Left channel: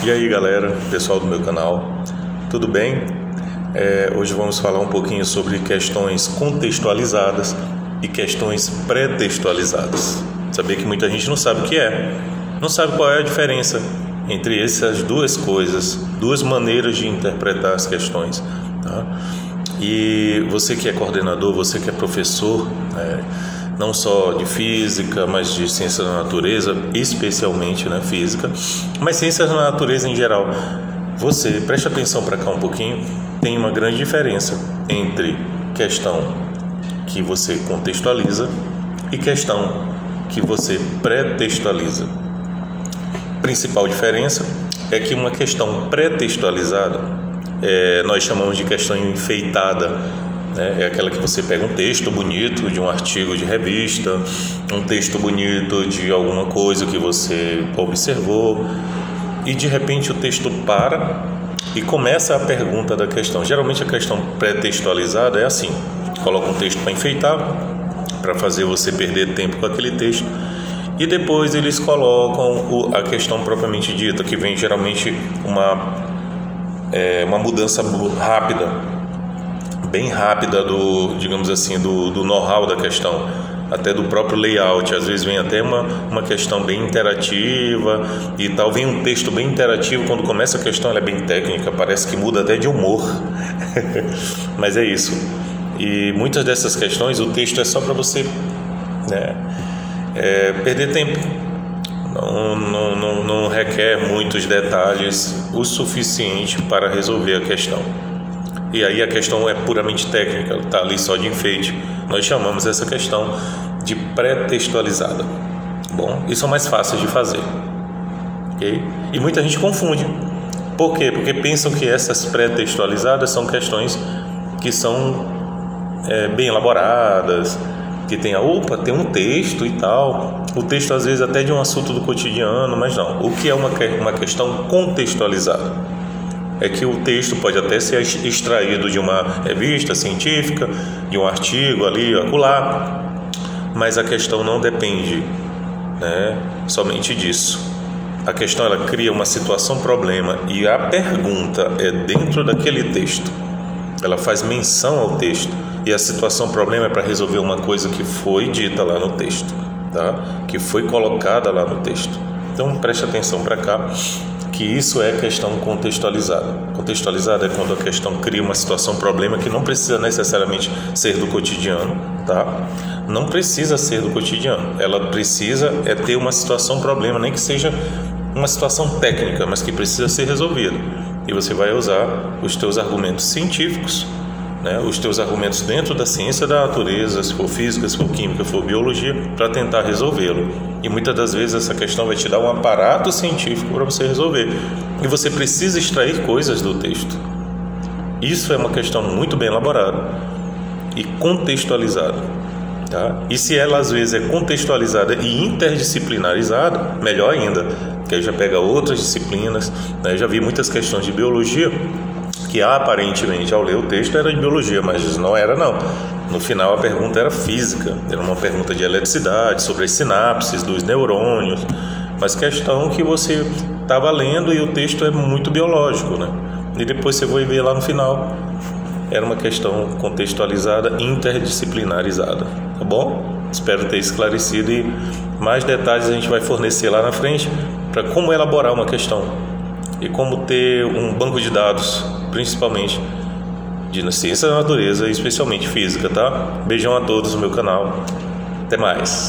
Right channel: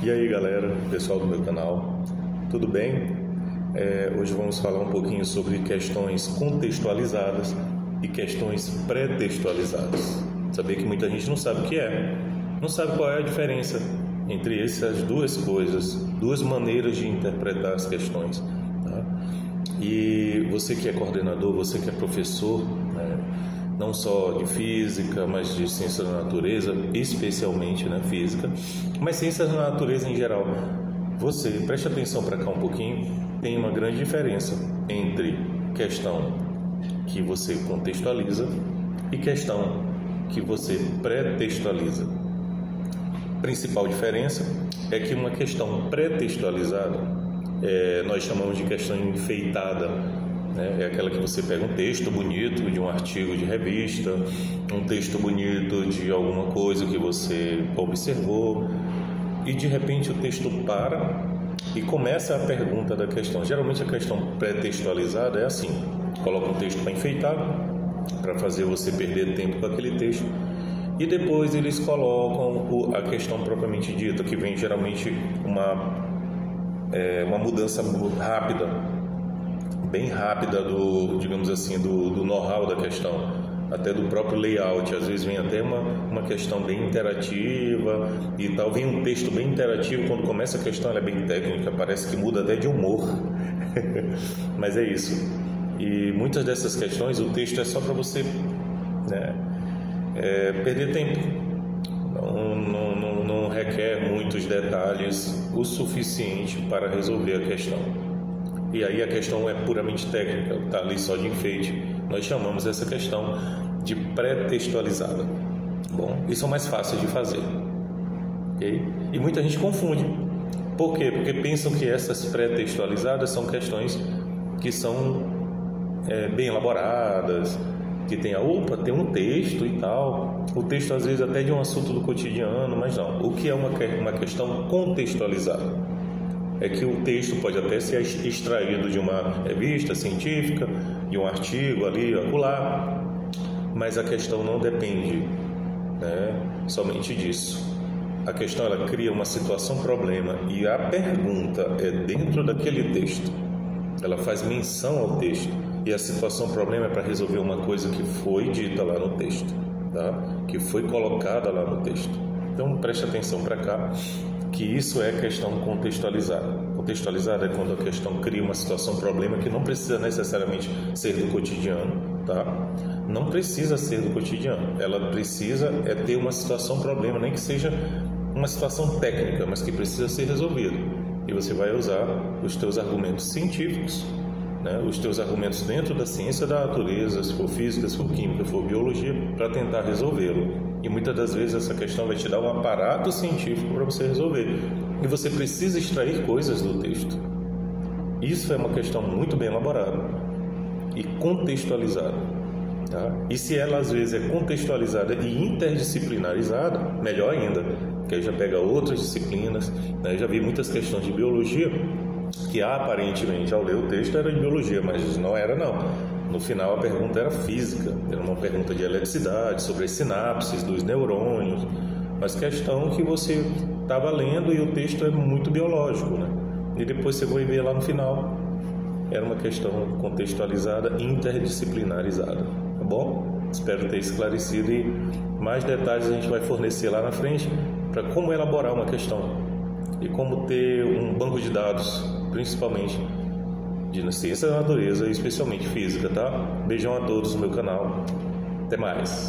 E aí galera, pessoal do meu canal, tudo bem? Hoje vamos falar um pouquinho sobre questões contextualizadas e questões pré-textualizadas. Sabia que muita gente não sabe o que é, não sabe qual é a diferença entre essas duas coisas, duas maneiras de interpretar as questões, tá? E você que é coordenador, você que é professor, não só de física, mas de ciência da natureza, especialmente física, mas ciências da natureza em geral, você preste atenção para cá um pouquinho. Tem uma grande diferença entre questão que você contextualiza e questão que você pré-textualiza. Principal diferença é que uma questão pré-textualizada nós chamamos de questão enfeitada. É aquela que você pega um texto bonito de um artigo de revista, um texto bonito de alguma coisa que você observou, e de repente o texto para e começa a pergunta da questão. Geralmente a questão pré-textualizada é assim: coloca um texto para enfeitar, para fazer você perder tempo com aquele texto, e depois eles colocam a questão propriamente dita, que vem geralmente uma mudança rápida, bem rápida digamos assim, do know-how da questão, até do próprio layout. Às vezes vem até uma questão bem interativa e tal, vem um texto bem interativo. Quando começa a questão ela é bem técnica, parece que muda até de humor mas é isso. E muitas dessas questões o texto é só para você perder tempo, não requer muitos detalhes o suficiente para resolver a questão. E aí a questão é puramente técnica, está ali só de enfeite. Nós chamamos essa questão de pré-textualizada. Bom, isso é mais fácil de fazer, ok? E muita gente confunde. Por quê? Porque pensam que essas pré-textualizadas são questões que são bem elaboradas, que tem um texto e tal. O texto às vezes até de um assunto do cotidiano, mas não. O que é uma questão contextualizada? É que o texto pode até ser extraído de uma revista científica, de um artigo ali, acolá, mas a questão não depende somente disso. A questão ela cria uma situação-problema e a pergunta é dentro daquele texto. Ela faz menção ao texto e a situação-problema é para resolver uma coisa que foi dita lá no texto, tá? Que foi colocada lá no texto. Então preste atenção para cá, que isso é questão contextualizada. Contextualizada é quando a questão cria uma situação-problema que não precisa necessariamente ser do cotidiano, tá? Não precisa ser do cotidiano. Ela precisa ter uma situação-problema, nem que seja uma situação técnica, mas que precisa ser resolvida. E você vai usar os teus argumentos científicos, os teus argumentos dentro da ciência da natureza, se for física, se for química, se for biologia, para tentar resolvê-lo. E muitas das vezes essa questão vai te dar um aparato científico para você resolver. E você precisa extrair coisas do texto. Isso é uma questão muito bem elaborada e contextualizada, tá? E se ela às vezes é contextualizada e interdisciplinarizada, melhor ainda, que aí já pega outras disciplinas. Já vi muitas questões de biologia que aparentemente ao ler o texto era de biologia, mas não era não. No final a pergunta era física, era uma pergunta de eletricidade, sobre as sinapses dos neurônios, mas questão que você estava lendo e o texto é muito biológico, E depois você vai ver lá no final, era uma questão contextualizada, interdisciplinarizada, tá bom? Espero ter esclarecido, e mais detalhes a gente vai fornecer lá na frente para como elaborar uma questão e como ter um banco de dados, principalmente de ciência da natureza e especialmente física, tá? Beijão a todos no meu canal. Até mais.